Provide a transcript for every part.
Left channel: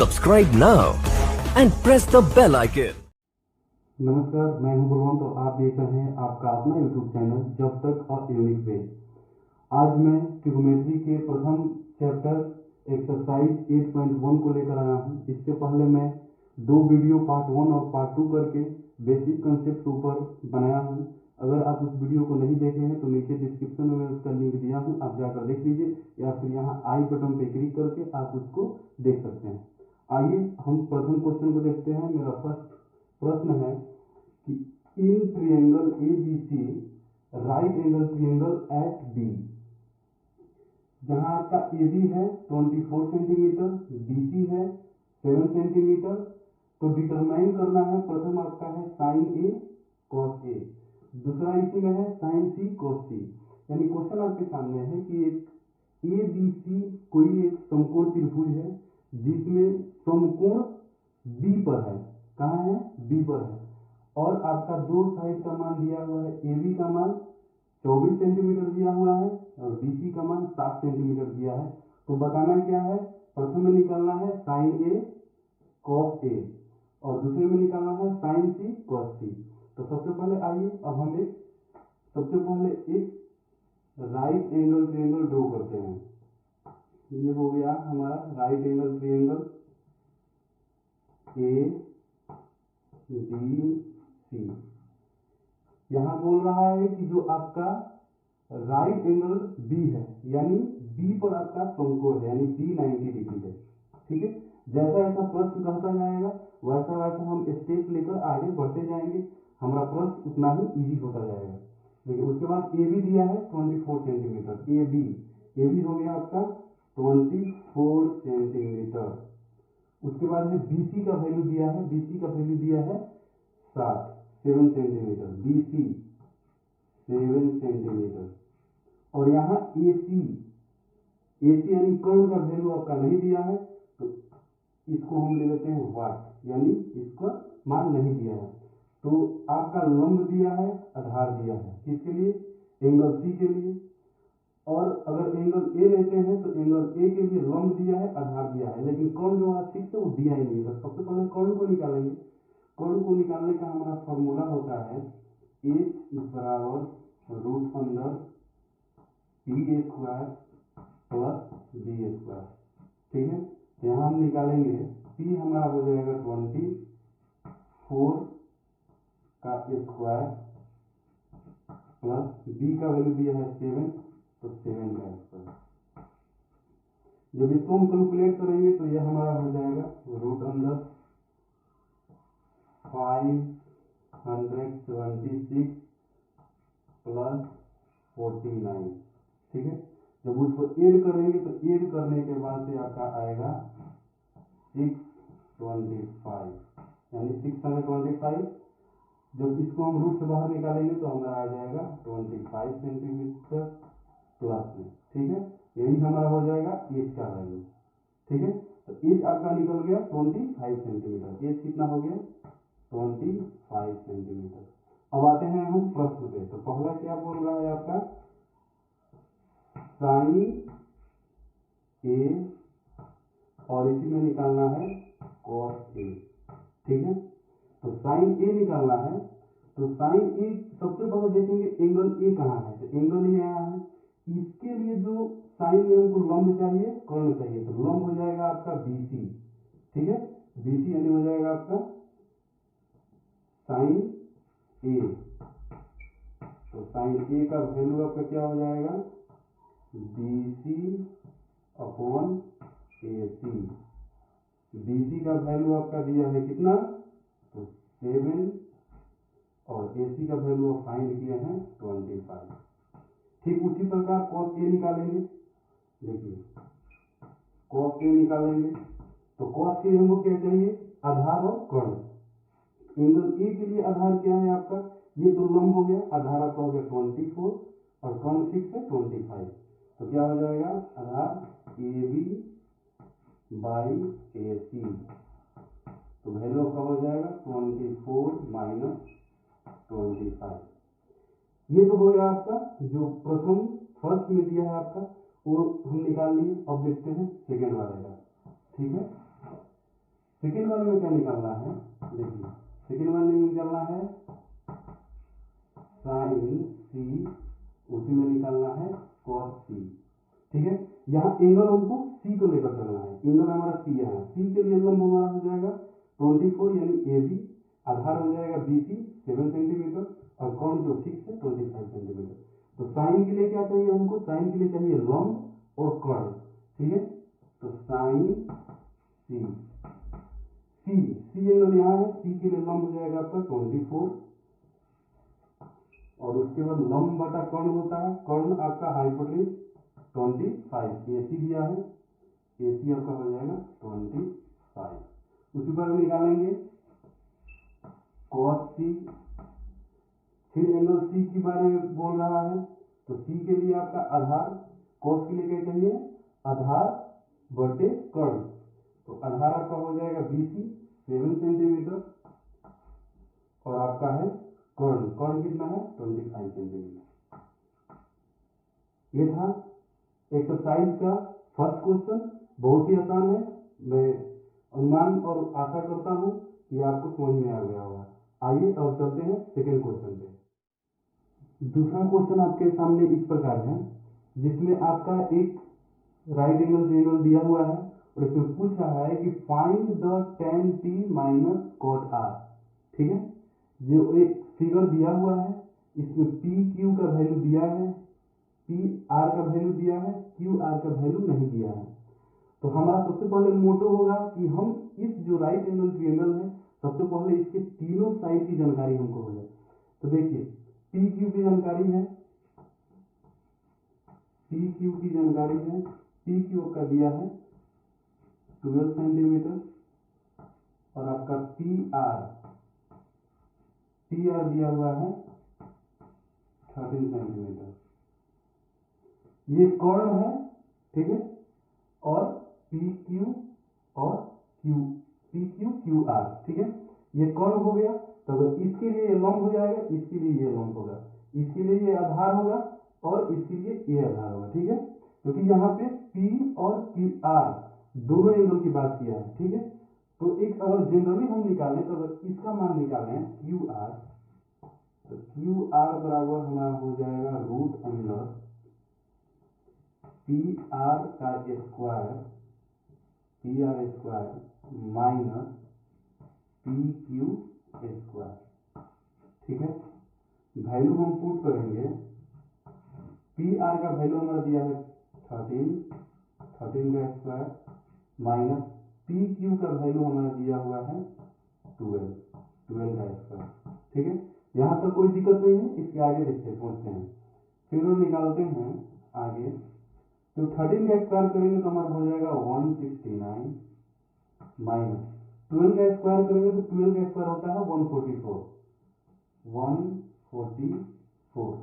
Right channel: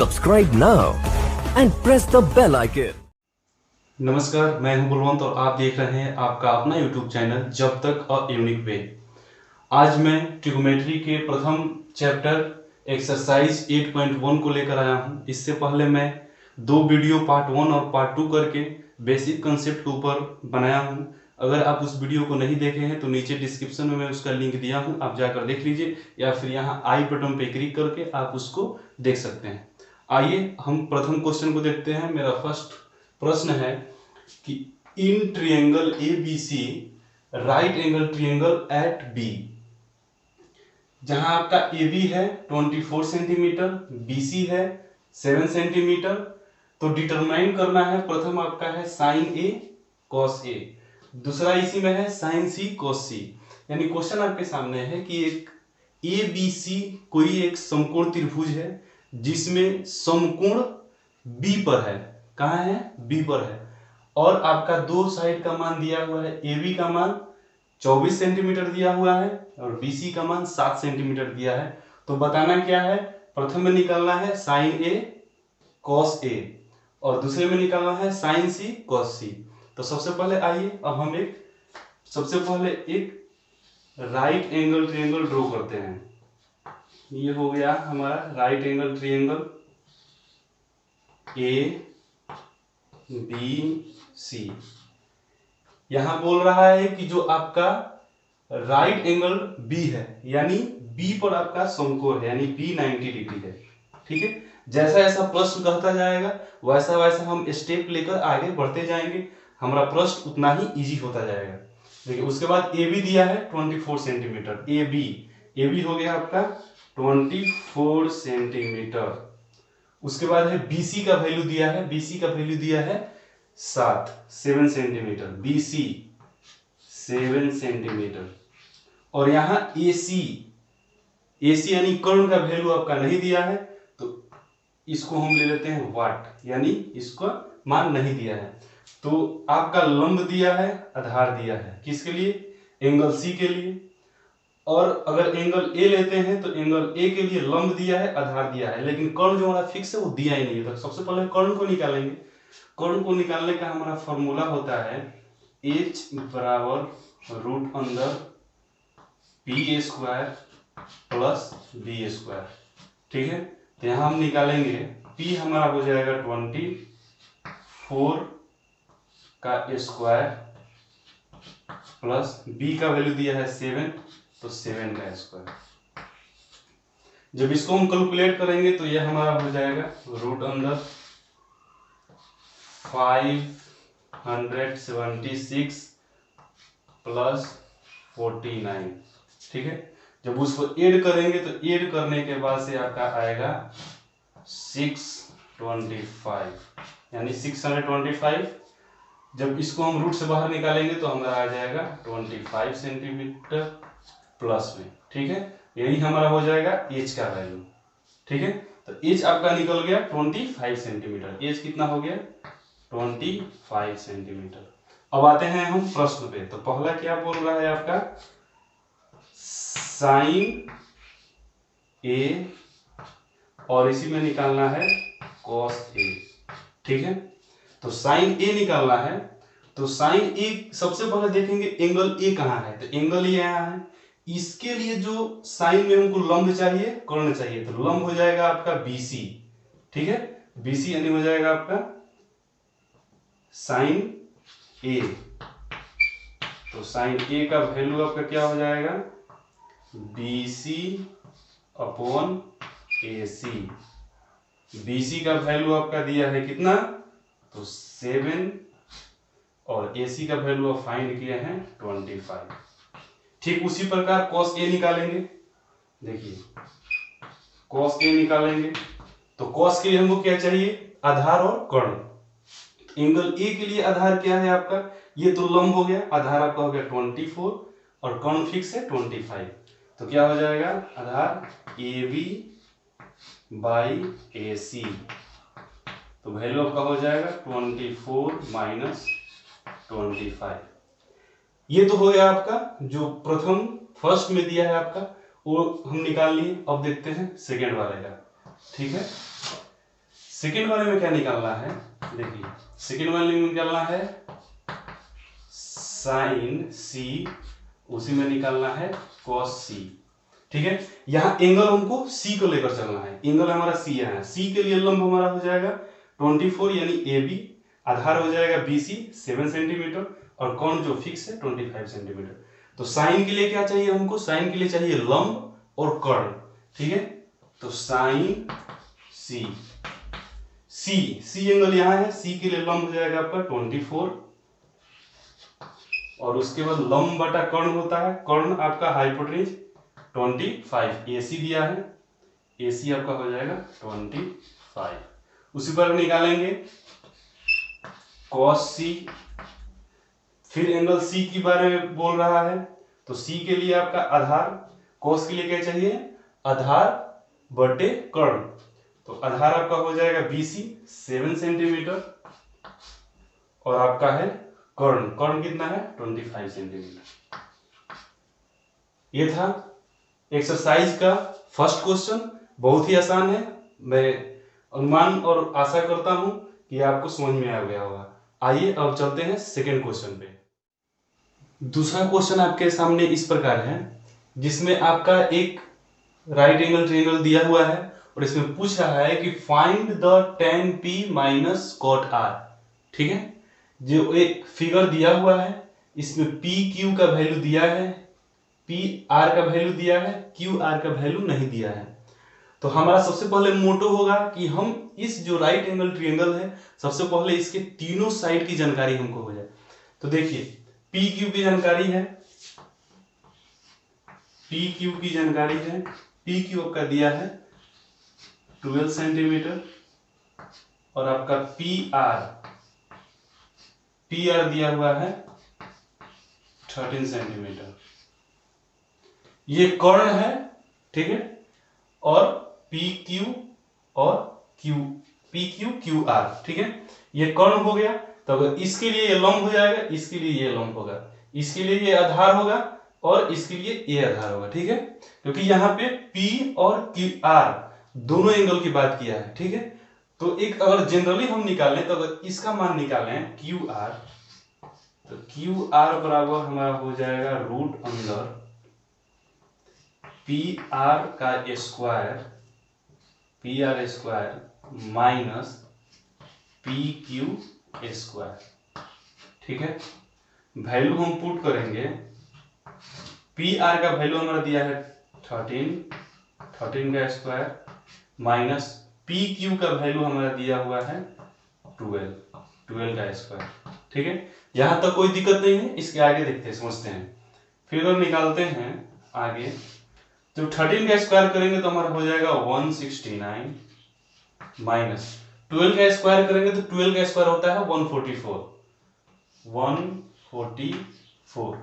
Subscribe now and press the bell icon. नमस्कार, मैं हूं बलवंत और आप देख रहे हैं आपका अपना YouTube चैनल जब तक अ यूनिक वे। आज मैं ट्रिग्नोमेट्री के प्रथम चैप्टर एक्सरसाइज 8.1 को लेकर आया हूं। इससे पहले मैं दो वीडियो पार्ट 1 और पार्ट 2 करके बेसिक कंसेप्ट के ऊपर बनाया हूं। अगर आप उस वीडियो को नहीं देखे हैं तो नीचे डिस्क्रिप्शन में मैं उसका लिंक दिया हूं, आप जाकर देख लीजिए या फिर यहाँ आई बटन पे क्लिक करके आप उसको देख सकते हैं। आइए हम प्रथम क्वेश्चन को देखते हैं। मेरा फर्स्ट प्रश्न है कि in triangle A B C right angle triangle at B, जहां आपका ए बी है 24 सेंटीमीटर, बी सी है 7 सेंटीमीटर, तो डिटरमाइन करना है। प्रथम आपका है साइन ए कॉस ए, दूसरा इसी में है साइन सी कॉस सी। यानी क्वेश्चन आपके सामने है कि एक ए बी सी कोई एक समकोण त्रिभुज है जिसमें समकोण बी पर है। कहाँ है? बी पर है। और आपका दो साइड का मान दिया हुआ है। ए बी का मान 24 सेंटीमीटर दिया हुआ है और बी सी का मान 7 सेंटीमीटर दिया है। तो बताना क्या है? प्रथम में निकालना है साइन ए कॉस ए और दूसरे में निकालना है साइन सी कॉस सी। तो सबसे पहले आइए अब हम सबसे पहले एक राइट एंगल ट्रायंगल ड्रॉ करते हैं। ये हो गया हमारा right angle triangle A B C. यहां बोल रहा है कि जो आपका राइट एंगल बी है यानी बी पर आपका समकोण है यानी बी 90 डिग्री है। ठीक है, जैसा जैसा प्रश्न कहता जाएगा वैसा वैसा हम स्टेप लेकर आगे बढ़ते जाएंगे, हमारा प्रश्न उतना ही इजी होता जाएगा। देखिए उसके बाद ए बी दिया है 24 सेंटीमीटर। ए बी हो गया आपका 24 सेंटीमीटर। उसके बाद है BC का वैल्यू दिया है, BC का वैल्यू दिया है 7 सेंटीमीटर, BC 7 सेंटीमीटर। और यहाँ AC यानी कर्ण का वैल्यू आपका नहीं दिया है, तो इसको हम ले लेते हैं वाट, यानी इसको मान नहीं दिया है। तो आपका लंब दिया है, आधार दिया है, किसके लिए? एंगल C के लिए। और अगर एंगल ए लेते हैं तो एंगल ए के लिए लंब दिया है, आधार दिया है, लेकिन कर्ण जो हमारा फिक्स है वो दिया ही नहीं है। तो सबसे पहले कर्ण को निकालेंगे। कर्ण को निकालने का हमारा फॉर्मूला होता है h बराबर रूट अंदर P square plus B square. ठीक है, तो यहाँ हम निकालेंगे p हमारा हो जाएगा 24 का स्क्वायर प्लस b का वैल्यू दिया है 7, तो 7 का स्क्वायर। जब इसको हम कैलकुलेट करेंगे तो यह हमारा हो जाएगा रूट अंदर 576 प्लस 49। ठीक है, जब उसको ऐड करेंगे तो ऐड करने के बाद से आपका आएगा 625 यानी 625। जब इसको हम रूट से बाहर निकालेंगे तो हमारा आ जाएगा 25 सेंटीमीटर प्लस में। ठीक है, यही हमारा हो जाएगा एच का वैल्यू। ठीक है, तो एच आपका निकल गया 25 सेंटीमीटर। एच कितना हो गया? 25 सेंटीमीटर। अब आते हैं हम प्रश्न पे। तो पहला क्या बोल रहा है आपका? साइन ए और इसी में निकालना है कॉस ए। ठीक है, तो साइन ए निकालना है। तो साइन ए सबसे पहले देखेंगे एंगल ए कहाँ है, तो एंगल ए यहाँ है। इसके लिए जो साइन में हमको लंब चाहिए, कर्ण चाहिए, तो लंब हो जाएगा आपका BC। ठीक है, BC यानी हो जाएगा आपका साइन ए। तो साइन ए का वैल्यू आपका क्या हो जाएगा? BC upon AC। BC का वैल्यू आपका दिया है कितना? तो 7 और AC का वैल्यू आप फाइंड किए हैं 25। ठीक उसी प्रकार cos A निकालेंगे। देखिए cos A निकालेंगे तो cos के लिए हमको क्या चाहिए? आधार और कर्ण। एंगल A के लिए आधार क्या है आपका? ये तो लंब हो गया, आधार आपका हो गया 24 और कर्ण फिक्स है 25। तो क्या हो जाएगा? आधार AB बाई AC। तो वैल्यू आपका हो जाएगा 24 माइनस 25। ये तो हो गया आपका जो प्रथम फर्स्ट में दिया है आपका, वो हम निकाल लिए। अब देखते हैं सेकेंड वाले का। ठीक है, सेकेंड वाले में क्या निकालना है, देखिए सेकेंड वाले में निकालना है साइन सी, उसी में निकालना है कॉस सी। ठीक है, यहाँ एंगल हमको सी को लेकर चलना है, एंगल हमारा सी है, सी के लिए लंब हमारा हो जाएगा 24 यानी ए बी, आधार हो जाएगा बी सी 7 सेंटीमीटर और कोण जो फिक्स है 25 सेंटीमीटर। तो साइन के लिए क्या चाहिए हमको, साइन के लिए चाहिए लंब और कर्ण। ठीक है, तो साइन सी, सी एंगल यहाँ है, सी के लिए लंब हो जाएगा आपका 24 और उसके बाद लंब बटा कर्ण होता है, कर्ण आपका हाइपोटेन्यूज 25, एसी दिया है, एसी आपका हो जाएगा 25। उसी पर निकालेंगे cos सी, फिर एंगल सी के बारे में बोल रहा है तो सी के लिए आपका आधार, cos के लिए क्या चाहिए आधार बटे कर्ण, तो आधार आपका हो जाएगा BC 7 सेंटीमीटर और आपका है कर्ण, कर्ण कितना है 25 सेंटीमीटर। ये था एक्सरसाइज का फर्स्ट क्वेश्चन, बहुत ही आसान है, मैं अनुमान और आशा करता हूं कि आपको समझ में आ गया होगा। आइए अब चलते हैं सेकेंड क्वेश्चन पे। दूसरा क्वेश्चन आपके सामने इस प्रकार है, जिसमें आपका एक राइट एंगल ट्रायंगल दिया हुआ है और इसमें पूछ रहा है कि find the tan P minus cot R। ठीक है, जो एक फिगर दिया हुआ है, इसमें P Q का वैल्यू दिया है, P R का वैल्यू दिया है, Q R का वैल्यू नहीं दिया है। तो हमारा सबसे पहले मोटो होगा कि हम इस जो राइट एंगल ट्रायंगल है, सबसे पहले इसके तीनों साइड की जानकारी हमको हो जाए। तो देखिए पी क्यू की जानकारी है, पी क्यू की जानकारी है, पी क्यू आपका दिया है 12 सेंटीमीटर और आपका पी आर दिया हुआ है 13 सेंटीमीटर। ये कर्ण है, ठीक है, और पी क्यू और Q, P Q Q R, ठीक है, ये कर्ण हो गया। तो अगर इसके लिए ये लंब हो जाएगा, इसके लिए ये लंब होगा, इसके लिए ये आधार होगा और इसके लिए ये आधार होगा। ठीक है, क्योंकि यहाँ पे P और क्यू आर दोनों एंगल की बात किया है। ठीक है, तो एक अगर जनरली हम निकालें तो अगर इसका मान निकालें क्यू आर, तो क्यू आर बराबर हमारा हो जाएगा रूट अंदर पी आर का square minus P Q square. ठीक है, वैल्यू हम पुट करेंगे, पी आर का वैल्यू हमारा दिया है 13 का स्क्वायर माइनस पी क्यू का वैल्यू हमारा दिया हुआ है 12 का स्क्वायर। ठीक है, यहां तक कोई दिक्कत नहीं है, इसके आगे देखते हैं, समझते हैं, फिगर निकालते हैं आगे। तो 13 का स्क्वायर करेंगे तो हमारा हो जाएगा 169 माइनस 12 का स्क्वायर करेंगे तो 12 का स्क्वायर होता है 144।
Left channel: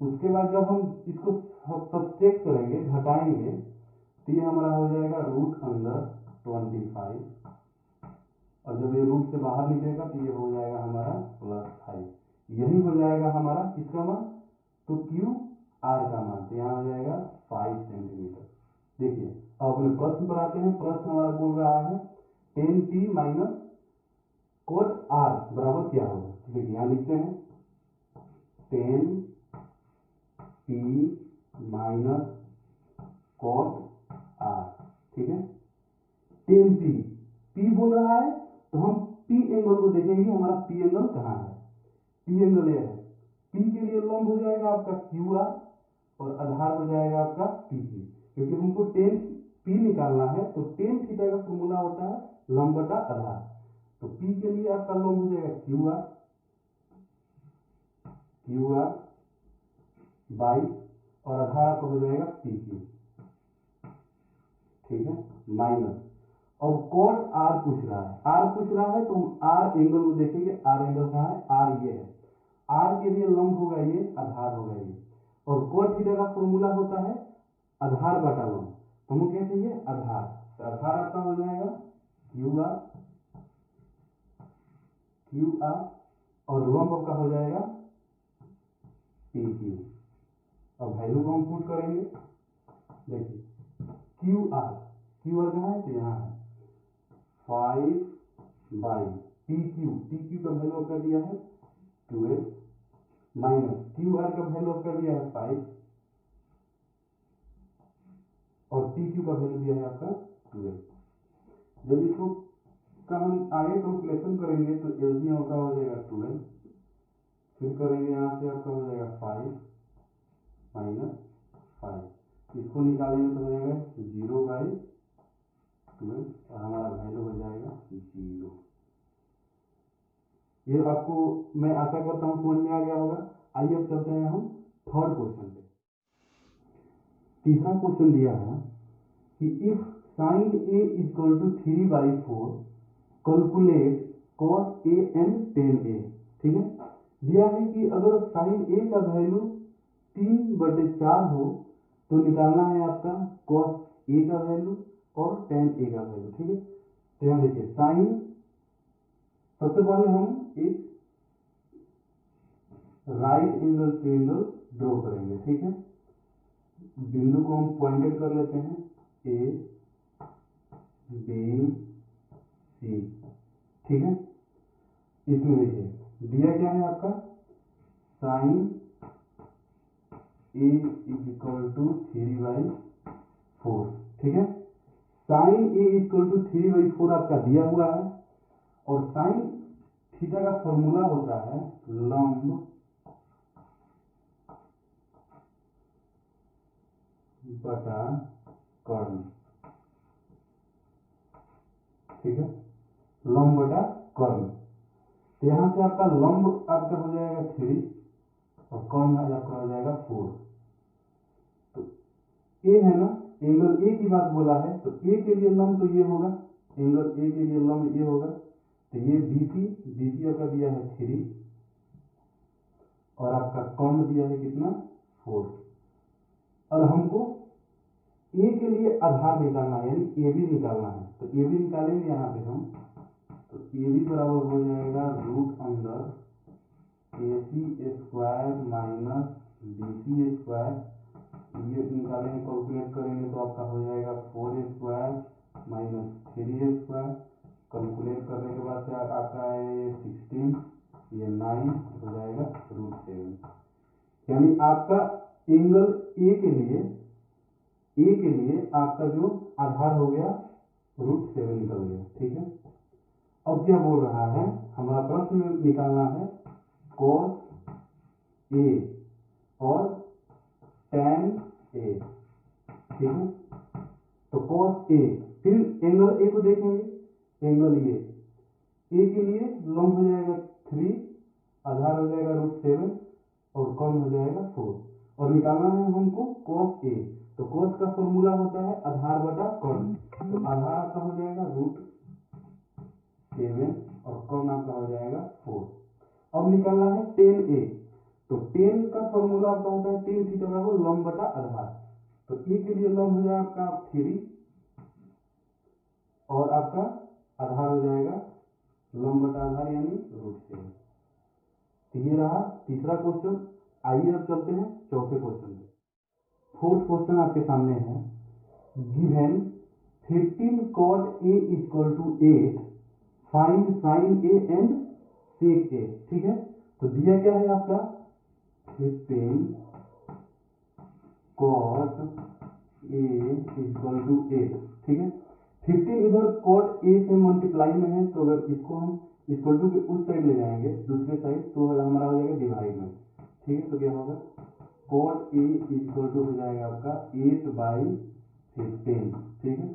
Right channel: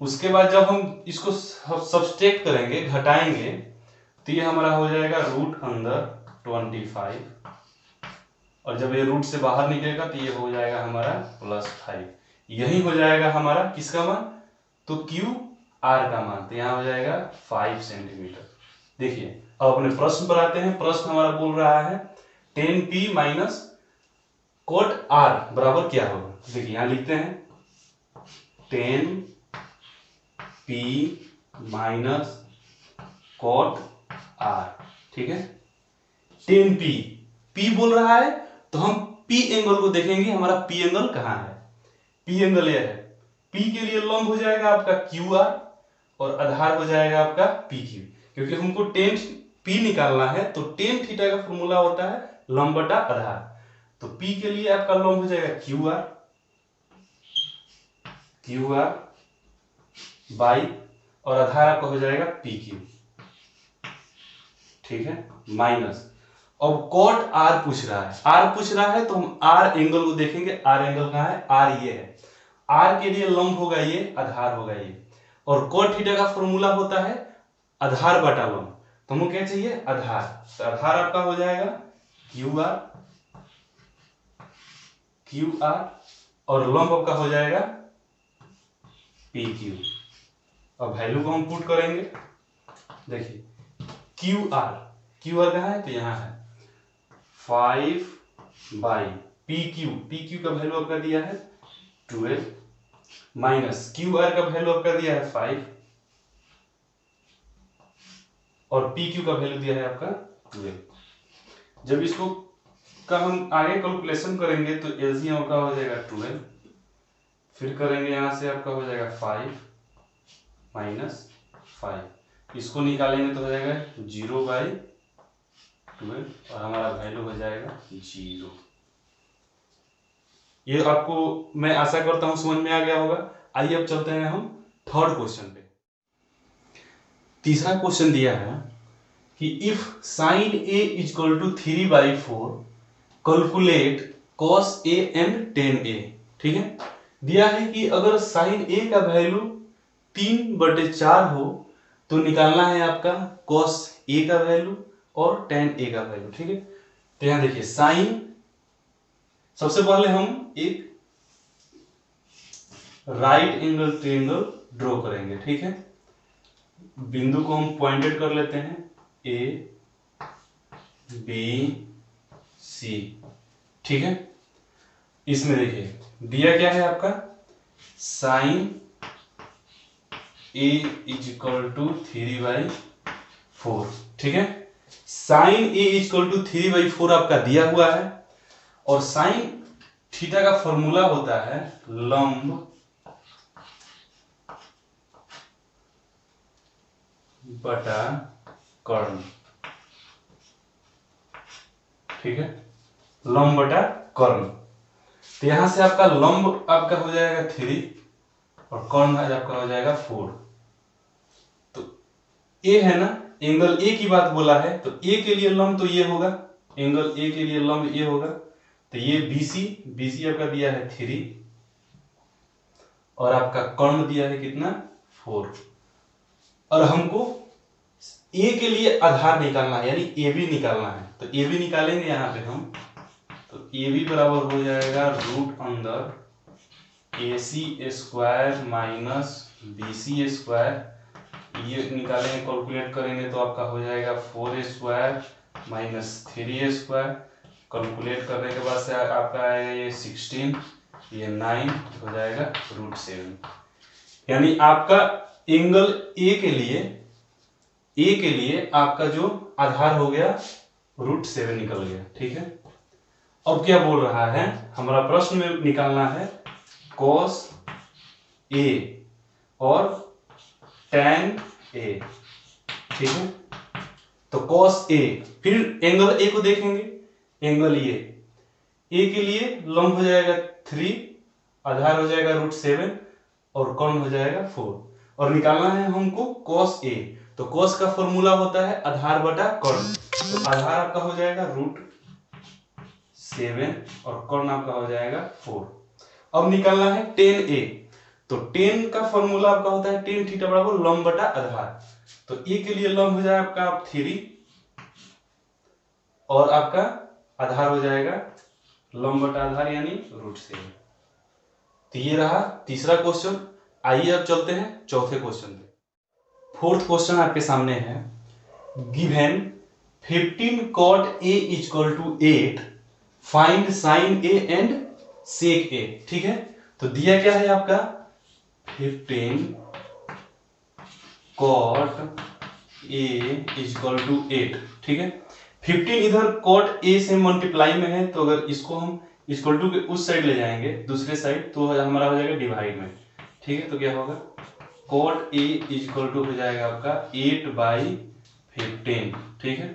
उसके बाद जब हम इसको सब्सट्रैक्ट करेंगे, घटाएंगे, तो ये हमारा हो जाएगा रूट अंदर 25 और जब ये रूट से बाहर निकलेगा तो ये हो जाएगा हमारा +5। यही हो जाएगा हमारा किसका मान, तो क्यू आर का मान, तो यहाँ हो जाएगा 5 सेंटीमीटर। देखिए अब अपने प्रश्न पर आते हैं। प्रश्न हमारा बोल रहा है tan P minus cot R बराबर क्या होगा। देखिए यहां लिखते हैं tan P minus cot R। ठीक है, tan P बोल रहा है तो हम P एंगल को देखेंगे, हमारा P एंगल कहां है, P एंगल ये है, P के लिए लंब हो जाएगा आपका QR और आधार हो जाएगा आपका PQ। क्योंकि हमको tan P निकालना है तो tan थीटा का फॉर्मूला होता है लंब बटा आधार, तो P के लिए आपका लंब हो जाएगा QR बाई और आधार आपका हो जाएगा PQ। ठीक है, माइनस, अब कोट R पूछ रहा है तो हम R एंगल को देखेंगे। R एंगल कहां है, R ये है, R के लिए लंब होगा ये, आधार होगा ये, और कोट थीटा का फॉर्मूला होता है आधार बटा लंब, तो हमको क्या चाहिए आधार, तो आधार आपका हो जाएगा QR और लंब आपका हो जाएगा PQ। अब वैल्यू को हम पुट करेंगे, देखिए QR कहां है, तो यहां है 5 बाई पी क्यू का वैल्यू आपका दिया है 12 माइनस क्यू आर का वैल्यू आपका दिया है 5 और पी क्यू का वैल्यू दिया है आपका 12। जब इसको का हम आगे कैलकुलेशन करेंगे तो एलसीएम का हो जाएगा 12, फिर करेंगे यहां से आपका हो जाएगा 5 माइनस 5, इसको निकालेंगे तो हो जाएगा 0/12 और हमारा वैल्यू हो जाएगा 0। ये आपको मैं आशा करता हूं समझ में आ गया होगा। आइए अब चलते हैं हम थर्ड क्वेश्चन पे। तीसरा क्वेश्चन दिया है कि if sine A is equal to 3/4 calculate cos a and tan a। ठीक है, दिया है कि अगर साइन ए का वैल्यू 3/4 हो तो निकालना है आपका cos a का वैल्यू और tan a का वैल्यू। ठीक है, तो यहां देखिए साइन, सबसे पहले हम एक राइट एंगल ट्रायंगल ड्रॉ करेंगे। ठीक है, बिंदु को हम पॉइंटेड कर लेते हैं ए बी सी। ठीक है, इसमें देखिए दिया क्या है आपका sine A is equal to 3/4। ठीक है, sine A is equal to 3/4 आपका दिया हुआ है और साइन थीटा का फॉर्मूला होता है लंब बटा कर्ण। ठीक है, लंब बटा कर्ण। तो यहां से आपका लंब आपका हो जाएगा 3 और कर्ण आपका हो जाएगा 4। तो ए है ना, एंगल ए की बात बोला है तो ए के लिए लंब तो ये होगा, एंगल ए के लिए लंब ये होगा। तो ये बीसी आपका दिया है 3 और आपका कर्ण दिया है कितना 4। और हमको ए के लिए आधार निकालना है यानी ए बी निकालना है। तो ए बी निकालेंगे यहां पे हम, तो ए बी बराबर हो जाएगा रूट अंदर A C square minus B C square. ये निकालेंगे कैलकुलेट करेंगे तो आपका हो जाएगा 4 स्क्वायर माइनस 3 स्क्वायर। कैलकुलेट करने के बाद से आपका आएगा ये 16, ये 9 हो जाएगा रूट 7। यानी आपका एंगल ए के लिए आपका जो आधार हो गया रूट 7 निकल गया। ठीक है, अब क्या बोल रहा है, हमारा प्रश्न में निकालना है cos a और tan a। ठीक है, तो cos a, फिर एंगल a को देखेंगे, एंगल ए के लिए लंब हो जाएगा 3, आधार हो जाएगा रूट 7 और कर्ण हो जाएगा 4 और निकालना है हमको cos a। तो cos का फॉर्मूला होता है आधार बटा कर्ण। तो आधार आपका हो जाएगा रूट 7 और कर्ण आपका हो जाएगा 4। अब निकालना है tan a। तो tan का फॉर्मूला आपका होता है tan थीटा बराबर लंब बटा आधार। तो a के लिए लंब हो जाएगा आपका 3 और आपका आधार हो जाएगा लंब बटा आधार यानी रूट 7। तो ये रहा तीसरा क्वेश्चन। आइए अब चलते हैं चौथे क्वेश्चन पे। फोर्थ क्वेश्चन आपके सामने है, given 15 cot a is equal to 8, find sin a and sec a। ठीक है, तो दिया क्या है आपका 15 cot a is equal to 8। ठीक है, 15 इधर cot a से मल्टीप्लाई में है तो अगर इसको हम इक्वल टू के उस साइड ले जाएंगे दूसरे साइड तो हमारा हो जाएगा डिवाइड में। ठीक है, तो क्या होगा cot a is equal to हो जाएगा आपका 8/15। ठीक है,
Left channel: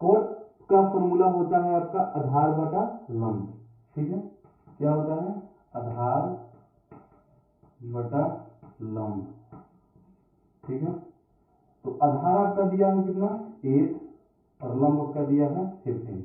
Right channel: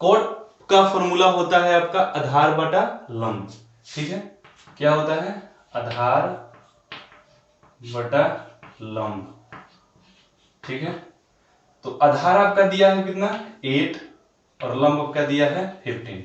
cot का फॉर्मूला होता है आपका आधार बटा लंब। ठीक है, क्या होता है आधार बटा लंब। ठीक है, तो आधार आपका दिया है कितना 8 और लंब आपका दिया है 15।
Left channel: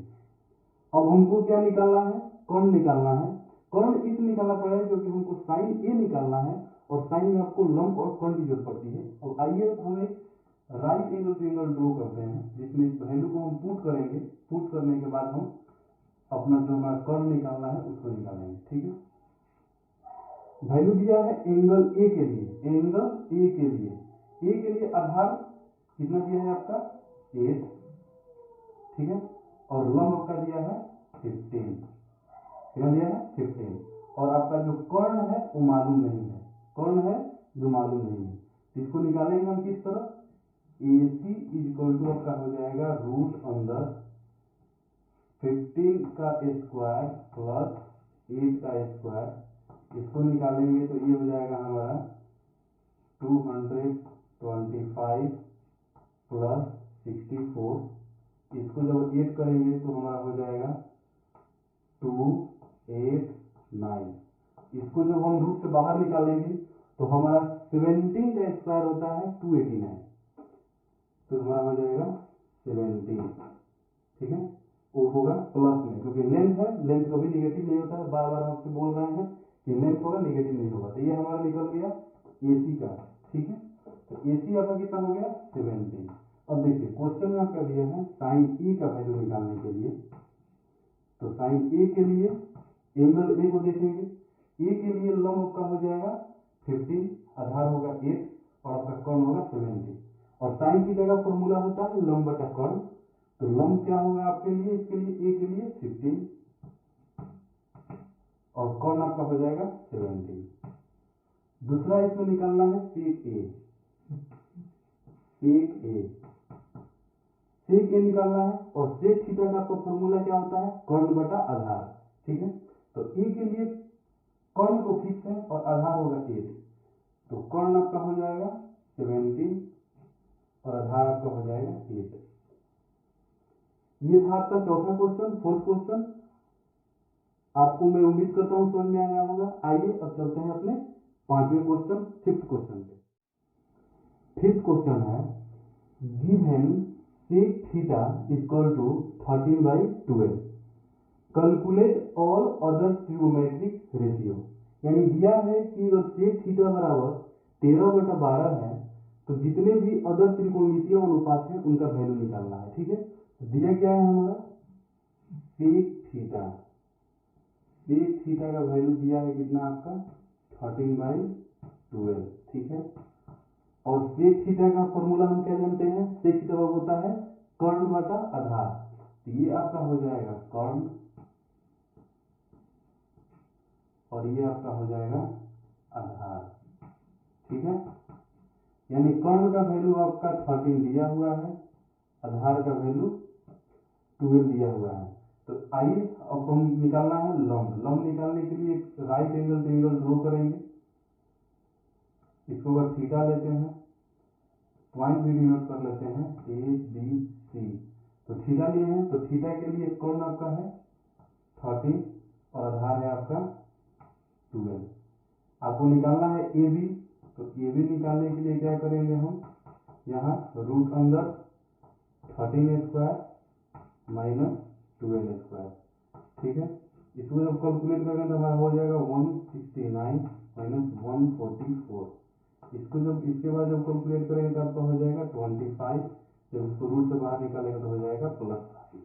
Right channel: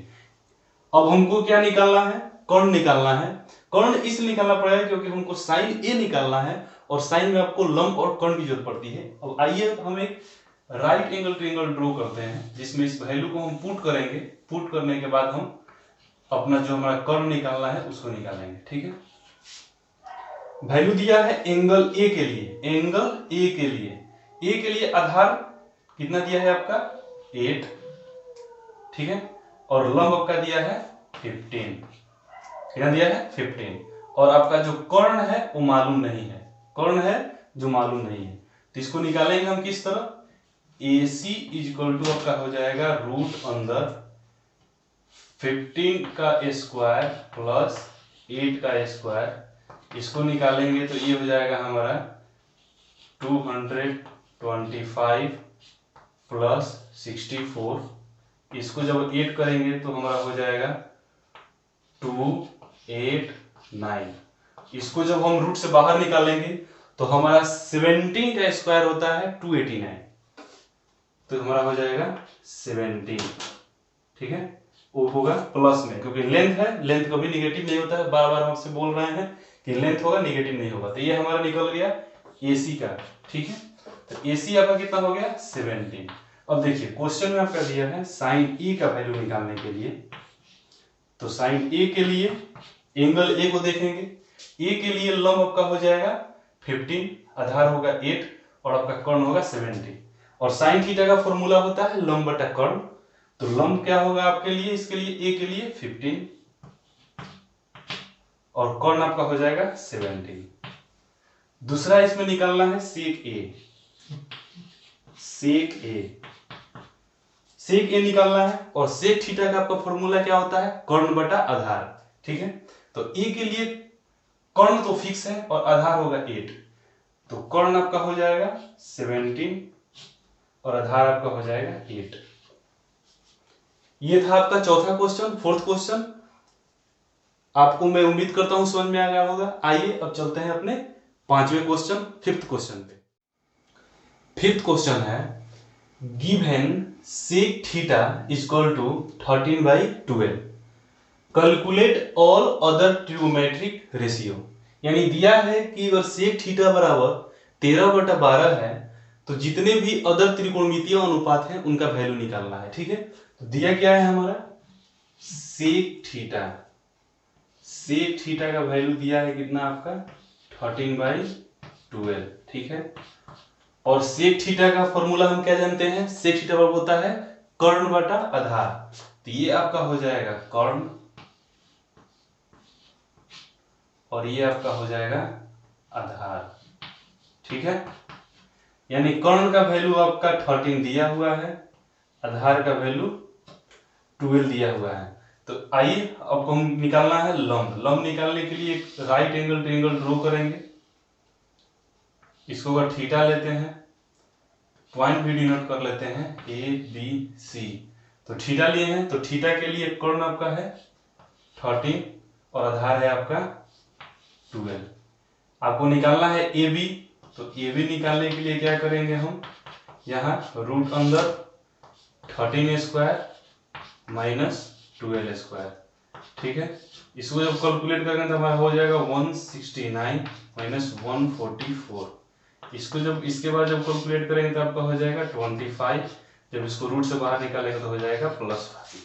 अब हमको क्या निकालना है, कर्ण निकालना है। कर्ण इसलिए निकालना पड़ेगा क्योंकि हमको साइन ए निकालना है और साइन में आपको लंब और कर्ण की जरूरत पड़ती है। अब आइए हम एक राइट एंगल ट्रायंगल ड्रॉ करते हैं जिसमें इस वैल्यू को हम पुट करेंगे। पुट करने के बाद हम अपना जो हमारा कर्ण निकालना है उसको निकालेंगे। ठीक है, वैल्यू दिया है एंगल ए के लिए, एंगल ए के लिए आधार कितना दिया है आपका 8। ठीक है, और लंब आपका दिया है 15। कितना दिया है 15। और आपका जो कर्ण है वो मालूम नहीं है, कर्ण है जो मालूम नहीं है, तो इसको निकालेंगे हम किस तरह, AC इक्वल टू आपका हो जाएगा रूट अंदर 15 का स्क्वायर प्लस 8 का स्क्वायर। इसको निकालेंगे तो ये हो जाएगा हमारा 225 प्लस 64। इसको जब 8 करेंगे तो हमारा हो जाएगा 289। इसको जब हम रूट से बाहर निकालेंगे तो हमारा 17 का स्क्वायर होता है 289, तो हमारा हो जाएगा 17। ठीक है, वो होगा प्लस में, क्योंकि लेंथ है, लेंथ कभी निगेटिव नहीं होता है, बार बार हमसे बोल रहे हैं कि लेंथ होगा निगेटिव नहीं होगा। तो ये हमारा निकल गया AC का। ठीक है, तो AC आपका कितना हो गया 17। अब देखिए क्वेश्चन में आपका दिया है साइन E का वैल्यू निकालने के लिए, तो साइन A के लिए एंगल A को देखेंगे। A के लिए लंब आपका हो जाएगा 15, आधार होगा 8 और आपका कर्ण होगा 70। और साइन थीटा का फॉर्मूला होता है लंब बटा कर्ण, तो लंब क्या होगा आपके लिए, इसके लिए A के लिए 15 और कर्ण आपका हो जाएगा 17। दूसरा इसमें निकालना है सेक A। सेक A निकालना है, और सेक थीटा का आपका फॉर्मूला क्या होता है, कर्ण बटा आधार। ठीक है, तो A के लिए कर्ण तो फिक्स है और आधार होगा 8, तो कर्ण आपका हो जाएगा 17 और आधार आपका हो जाएगा 8। ये था आपका चौथा क्वेश्चन। फोर्थ क्वेश्चन आपको मैं उम्मीद करता हूं समझ में आ गया होगा। आइए अब चलते हैं अपने पांचवें क्वेश्चन, फिफ्थ क्वेश्चन पे। फिफ्थ क्वेश्चन है given sec theta equal to 13/12 calculate all other trigonometric ratio. यानी दिया है कि अगर सेक थीटा बराबर 13/12 है तो जितने भी अदर त्रिकोणमितीय अनुपात हैं उनका वैल्यू निकालना है। ठीक है, तो दिया क्या है हमारा सेक थीटा का वैल्यू दिया है कितना आपका 13/12। ठीक है, और सेक थीटा का फॉर्मूला हम क्या जानते हैं, सेक थीटा बराबर होता है कर्ण बटा आधार, तो ये आपका हो जाएगा कर्ण और ये आपका हो जाएगा आधार। ठीक है, यानी कर्ण का वैल्यू आपका 13 दिया हुआ है, आधार का वैल्यू 12 दिया हुआ है। तो आइए अब हम निकालना है लंब। लंब निकालने के लिए एक राइट एंगल ट्रायंगल ड्रॉ करेंगे। इसको अगर थीटा लेते हैं, पॉइंट भी डिनोट कर लेते हैं ABC, तो थीटा लिए हैं, तो थीटा के लिए कर्ण आपका है 13 और आधार है आपका 12। आपको निकालना है AB, तो AB निकालने के लिए क्या करेंगे हम, यहाँ रूट अंदर 13 स्क्वायर माइनस 12 स्क्वायर। ठीक है, इसको जब कैलकुलेट करेंगे तो हमारा हो जाएगा 169 माइनस 144। इसको जब इसके बाद जब कैलकुलेट करेंगे तो आपका हो जाएगा 25, जब इसको रूट से बाहर निकालेंगे तो हो जाएगा +5।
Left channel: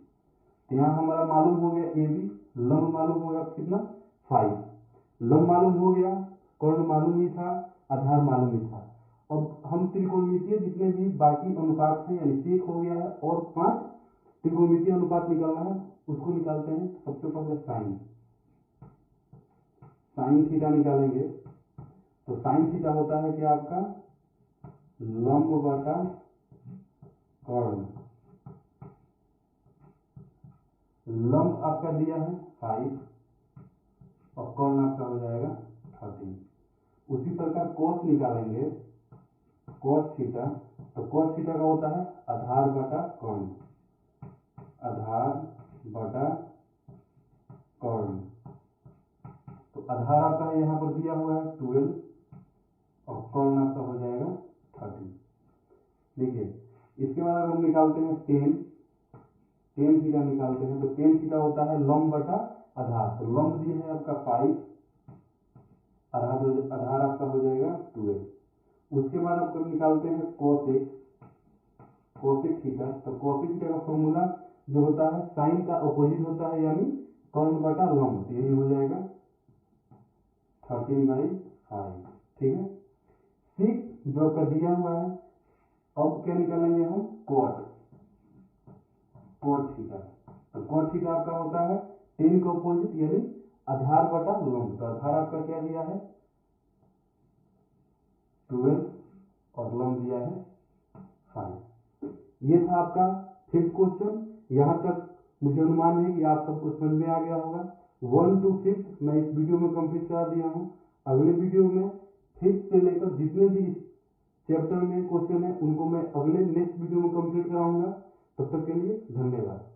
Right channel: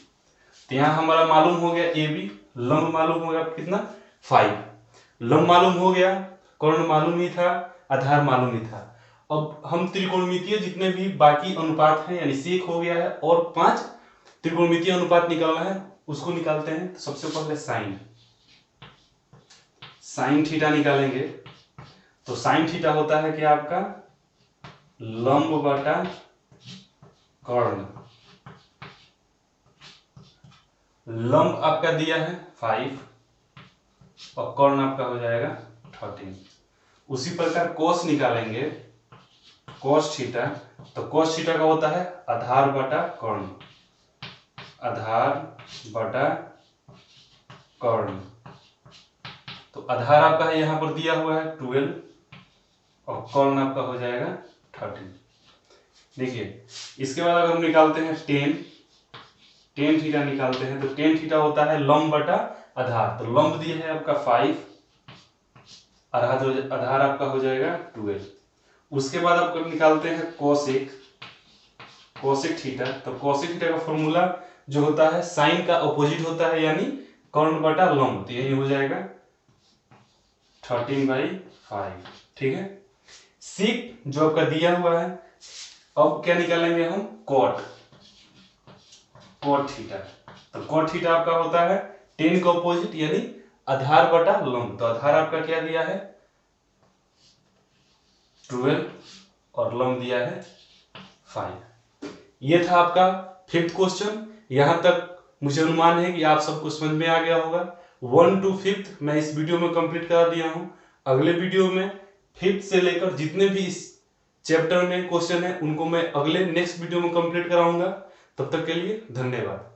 तो यहाँ हमारा मालूम हो गया AB, लंब मालूम हो गया कितना 5, लंब मालूम हो गया, कर्ण मालूम ही था, आधार मालूम ही था। अब हम त्रिकोणमितीय जितने भी बाकी अनुपात हैं, यानी सेक हो गया है और 5 त्रिकोणमितीय अनुपात निकालना है, उसको निकालते हैं। तो सबसे पहले साइन थीटा निकालेंगे, तो साइन थीटा होता है कि आपका लंब बटा कर्ण। लंब आपका दिया है 5 और कर्ण आपका हो जाएगा 13। उसी प्रकार कोस निकालेंगे, कोस थीटा, तो कोस थीटा का होता है आधार बटा कर्ण, आधार बटा कर्ण। तो आधार आपका यहाँ पर दिया हुआ है 12 और कर्ण आपका हो जाएगा 13। देखिए इसके बाद अगर हम निकालते हैं टेन थीटा निकालते हैं, तो टेन थीटा होता है लंब बटा आधार, तो लंब दिया है आपका 5, आधार आपका हो जाएगा 12। उसके बाद आप निकालते हैं कोसेक थीटा, तो कोसेक थीटा का फॉर्मूला जो होता है साइन का अपोजिट होता है, यानी कर्ण बटा लंब, तो यही हो जाएगा 13/5। ठीक है, सेक जो आपका दिया हुआ है, अब क्या निकालेंगे हम कोट थीटा, और कॉट थीटा आपका होता है टेन का ऑपोजिट यानी आधार बटा लंब। तो आधार आपका क्या दिया है 12 और लंब दिया है 5। ये था आपका 5th क्वेश्चन। यहां तक मुझे अनुमान है कि आप सबको समझ में आ गया होगा। 1 to 5th मैं इस वीडियो में कंप्लीट करा दिया हूं। अगले वीडियो में 5th से लेकर जितने भी इस चैप्टर में क्वेश्चन है उनको मैं अगले नेक्स्ट वीडियो में कंप्लीट कराऊंगा। तब तक के लिए धन्यवाद।